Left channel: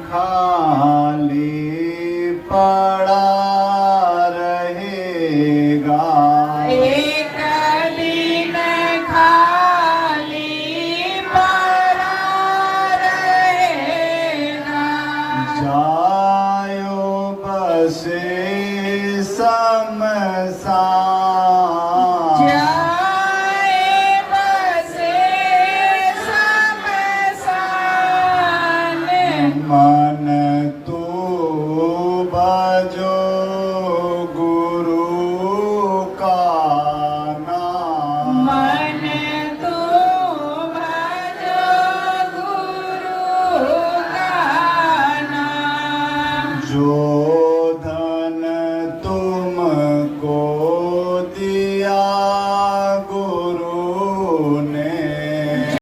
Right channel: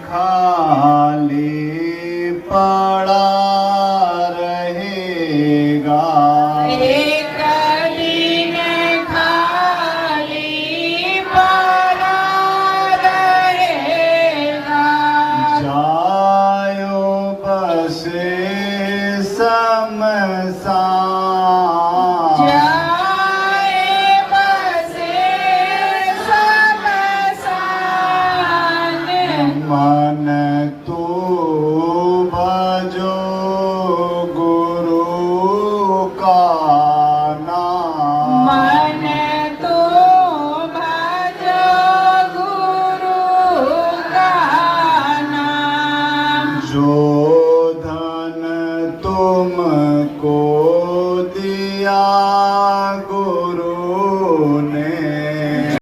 खाली पड़ा रहेगा, एक दिन खाली पड़ा रहेगा। जायो बसे शमशान, जाए बसे शमशान। मन तू भजो गुरु का नाम, मन तो भजो गुरु का नाम। जो